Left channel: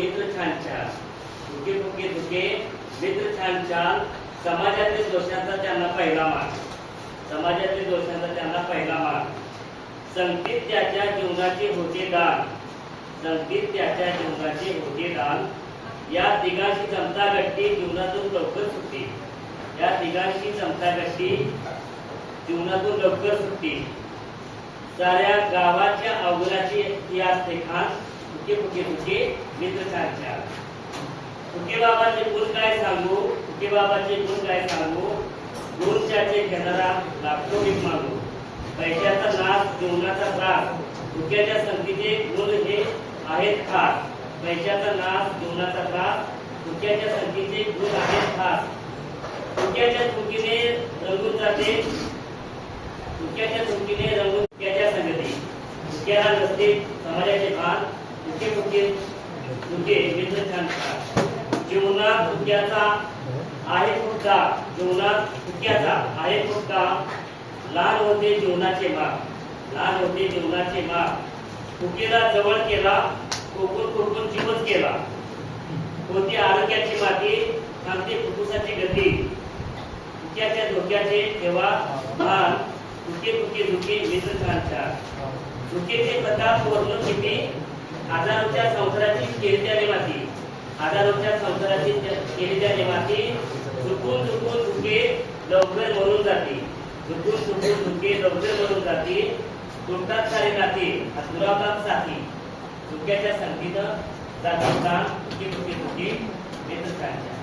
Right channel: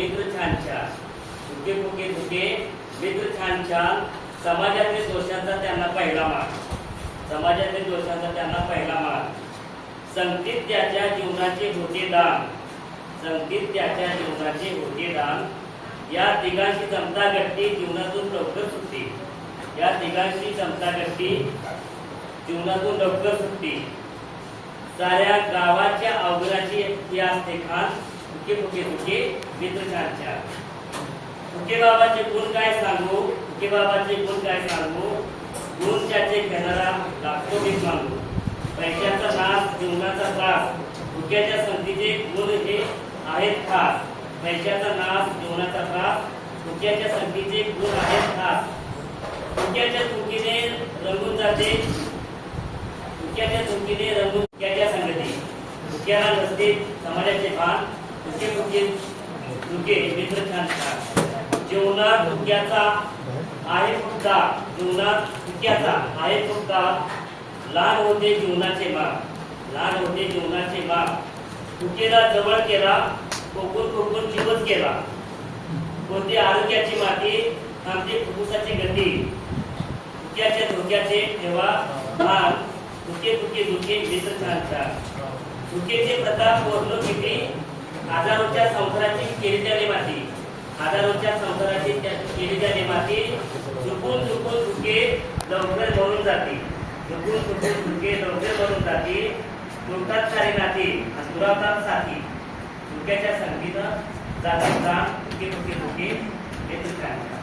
मित्र छान छान, फुके फुके धुके मित्र छान छान. समाजातील दोषांचा त्यांना पहिला मान, समाजातील दोषांचा त्यांना पहिला मान. संगतीत त्याच्या जीवनाचे होते दान, संगतीत त्याच्या जीवनाचे होते दान. या तिघांशी जमता गट्टी जीवनातून लवकर सुटली, या तिघांशी जमता गट्टी जीवनातून लवकर सुटली. साऱ्या गावाच्या अवघराची ती असते खान, फुके फुके फुके मित्र छान छान. फुके बाबाचे गुण काय सांगू, फुके बाबाचे गुण काय सांगू. गुण त्याचे घेणारा लागतो भीक मागू. पैशाचा नाश जीवनाचा त्रास, फुक्याच्या संगतीचे गुण हे आहेत खास. पैशाचा नाश जीवनाचा त्रास, फुक्याच्या संगतीचे गुण आहेत खास. फुक्याच्या चुकीने रंगून जाते, फुक्याच्या चुकीने रंगून फुक्याच्या संगती. फुक्याला नसते समाजाचे भान, फुके फुके फुके मित्र छान छान. जीवनात फुक्याचा आहे खूप दाग, जीवनात फुक्याचा आहे खूप दाग. लहान होते जीवनाचे माग, लहान होते जीवनाचे माग. फुकेला जवळ केला, कोकून कोकून चिपच केला. होती आरोग्याची माती, थांबते फुफ्फुसाची गती. फुक्याच्या धोक्याचे ठेवा भान, फुके फुके धुके मित्र छान छान. फुकेचे प्रताप पोहोचलो किती, हजारोच्या संसाराची केली त्याने माती, हजारोच्या संसाराची केली त्याने माती. चुकून चुकून धुके लवकर मरून जाते, चुकून चुकून धुके लवकर मरून जाते. तुटतात सारे नाते, दुरावतात साथी. धुक्याच्या संगतीनं जाते प्राण, फुके फुके धुके मित्र छान छान.